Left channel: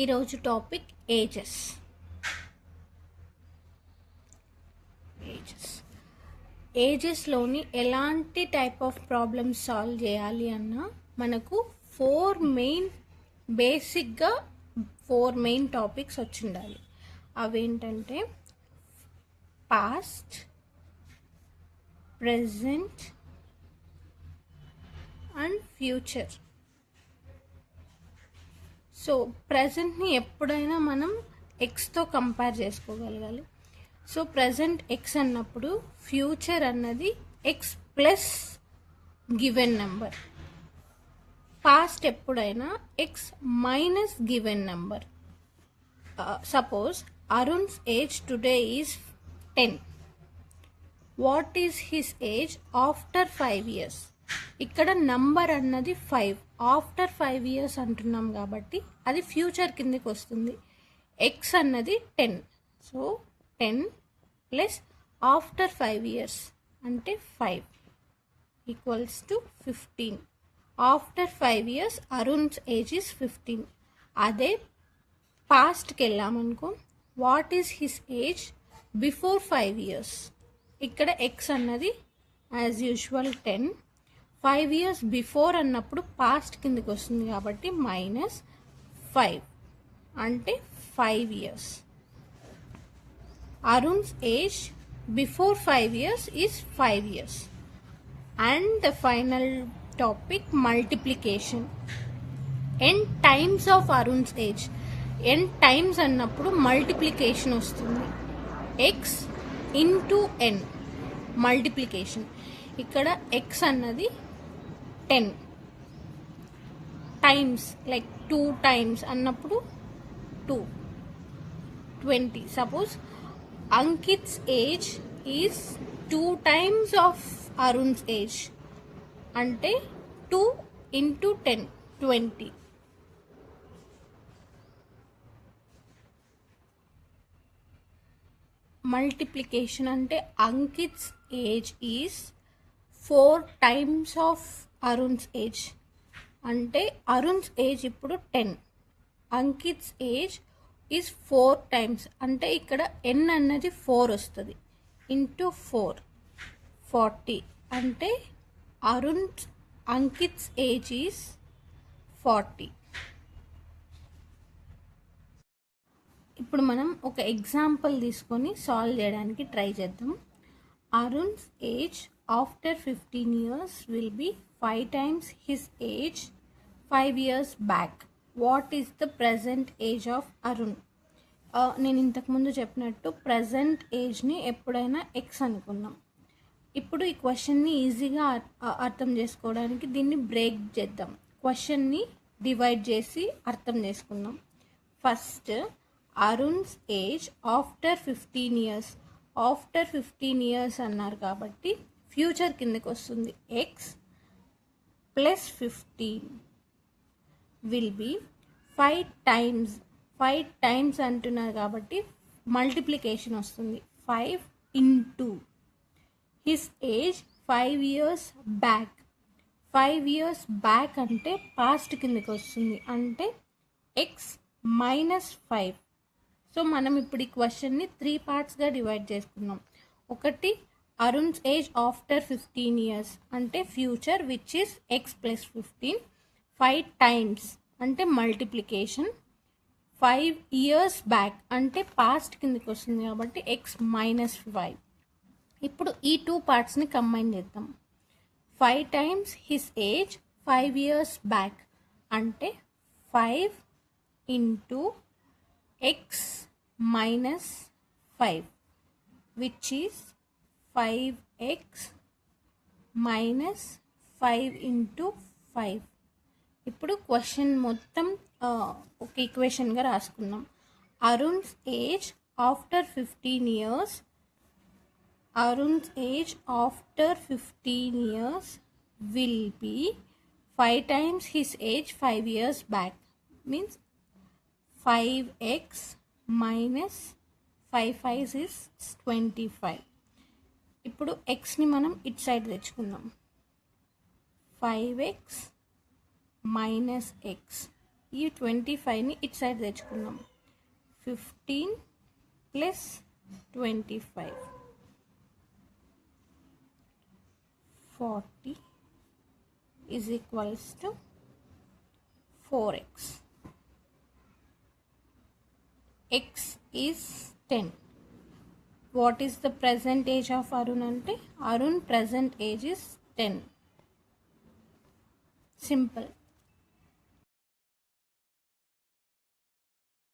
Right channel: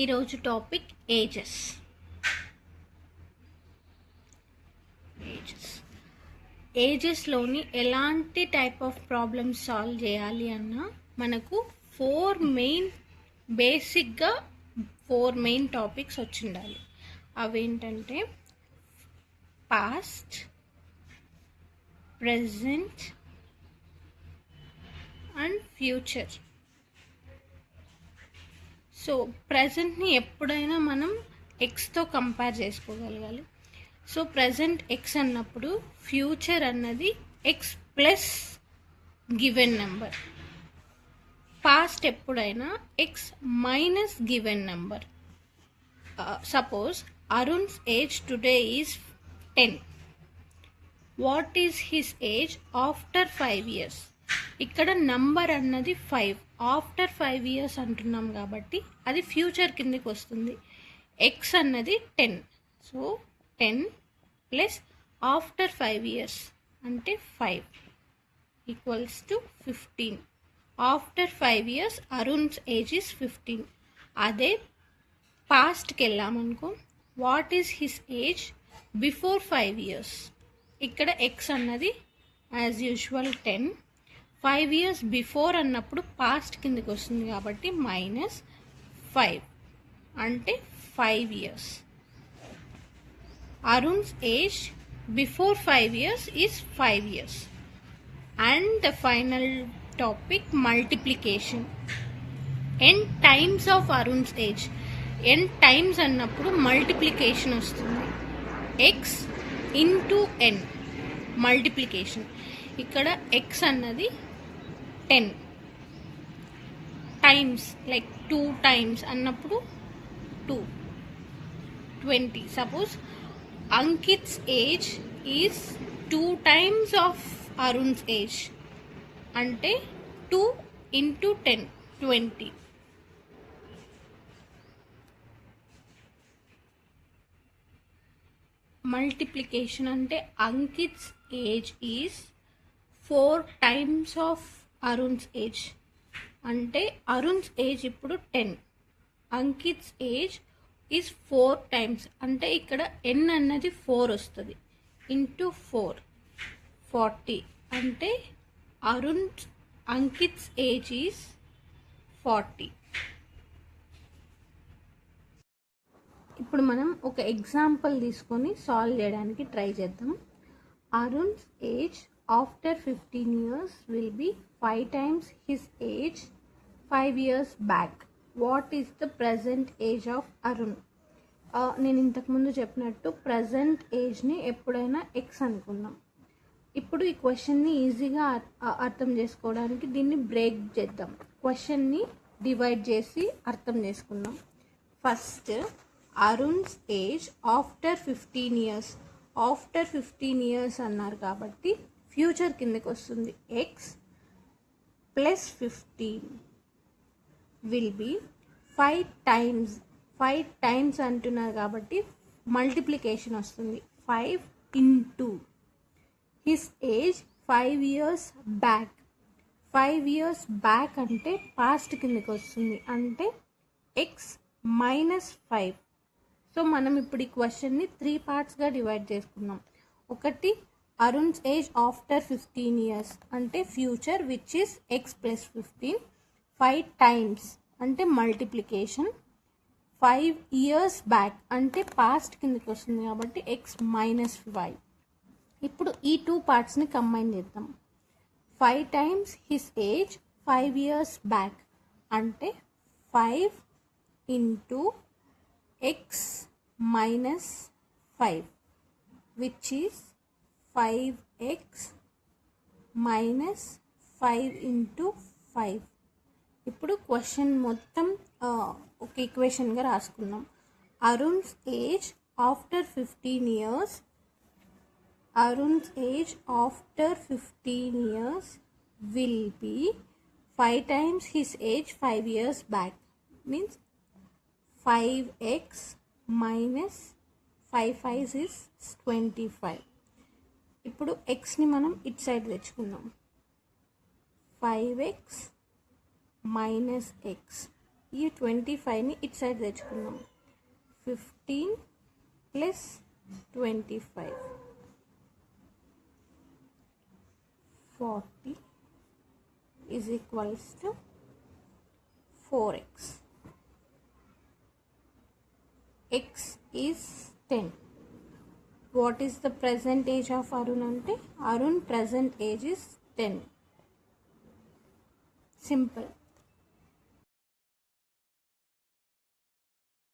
ఈరోజు topic ages. ఏజెస్లోని ఎలాంటి type of problems solve చేయాలి అన్నా మనకు బేసిక్గా ఫోర్ మెయిన్ టాపిక్స్ వచ్చి ఉండాలి. అవేంటంటే past, present and future. So ప్రజెంట్ని ఎప్పుడైనా మనం ఎక్స్తో కంపేర్ చేసుకోగలగాలి. సో ప్రజెంట్ ఎక్స్ అన్నప్పుడు ఫ్యూచర్ అన్నది X plus given number. Past ఎప్పుడైనా X minus given number. Suppose Arun's age today is 10. What is his age after 5 years? ఇక్కడ నంబర్ అన్నది 5. ఆఫ్టర్ 5 years అంటున్నాం కాబట్టి అది ఫ్యూచర్ కిందకి వస్తుంది. ఎక్స్ అన్నది 10. సో 10 ప్లస్ ఆఫ్టర్ 5 years అంటే 5 equals to 15. After 5 years Arun's age is 15. అదే పాస్ట్కి వెళ్ళామనుకో, what is his age before 5 years? ఇక్కడ ఎక్స్ అన్నది యాజ్ యూజువల్ 10. 5 years బిఫోర్ అన్నప్పుడు పాస్ట్ కిందకి వస్తుంది కాబట్టి -5 అంటే 5 years. Arun's age before 5 years is 5 years. And the final topic multiplication. n times of Arun's age. n times అన్నప్పుడు మల్టిప్లికేషన్ వస్తుంది. X into n multiplication. ఇక్కడ ఎక్స్ అన్నది 10 టైమ్స్, లైక్ 2 టైమ్స్ అన్నప్పుడు 2 20. Suppose Ankit's age is 2 times of Arun's age అంటే 2 into 10 20. Multiplication అంటే Ankit's age is 4 times of Arun's age అంటే Arun's age ఇప్పుడు 10. అంకిత్స్ age is 4 times అంటే ఇక్కడ n అన్నది 4 వస్తుంది. ఇంటూ 4 40 అంటే అంకిత్స్ ఏజ్ ఈజ్ 40. ఇప్పుడు మనం ఒక ఎగ్జాంపుల్ తీసుకొని సాల్వ్ చేయడానికి ట్రై చేద్దాం. అరుణ్స్ age after 15 years will be 5 times his age 5 years back. What is the present age of Arun? నేను ఇంతకుముందు చెప్పినట్టు ప్రజెంట్ ఏజ్ని ఎప్పుడైనా ఎక్స్ అనుకున్నాం. ఇప్పుడు ఈ క్వశ్చన్ని ఈజీగా అర్థం చేసుకోవడానికి దీన్ని బ్రేక్ చేద్దాం. క్వశ్చన్ని డివైడ్ చేసి అర్థం చేసుకుందాం. First Arun's age after 15 years. After 15 years అన్నారు కాబట్టి ఫ్యూచర్ కిందకి వస్తుంది. X plus 15 will be 5 times అంటున్నారు కాబట్టి మల్టిప్లికేషన్ వస్తుంది. 5 into his age 5 years back. 5 years back అంటే పాస్ట్ కిందకి వస్తుంది అంటే ఎక్స్ -5. సో మనం ఇప్పుడు ఈ క్వశ్చన్ని 3 partsగా డివైడ్ చేసుకున్నాం. ఒకటి అరుణ్స్ ఏజ్ ఆఫ్టర్ 15 years అంటే future which is X plus 15. 5 times అంటే మల్టిప్లికేషన్. 5 years బ్యాక్ అంటే పాస్ట్ కిందకి వస్తుంది కాబట్టి ఎక్స్ -5. ఇప్పుడు ఈ 2 partsని కంబైన్ చేద్దాం. 5 times his age 5 years back అంటే 5 into X -5 which is 5x -5 into 5. ఇప్పుడు క్వశ్చన్ మొత్తం ఒక ఈక్వేషన్గా రాసుకున్నాం. Arun's age after 15 years. Arun's age after 15 years will be 5 times his age 5 years back means 5x -5 5 is 25. ఇప్పుడు ఎక్స్ని మనం ఇట్ సైడ్ తెచ్చుకుందాం. 5x - x ఈ 25ని ఇట్ సైడ్ తెచ్చుకున్నాం. 15 plus 25 40 is equals to 4x. X is 10. What is the present age of Arun ante? Arun present age is 10. Simple.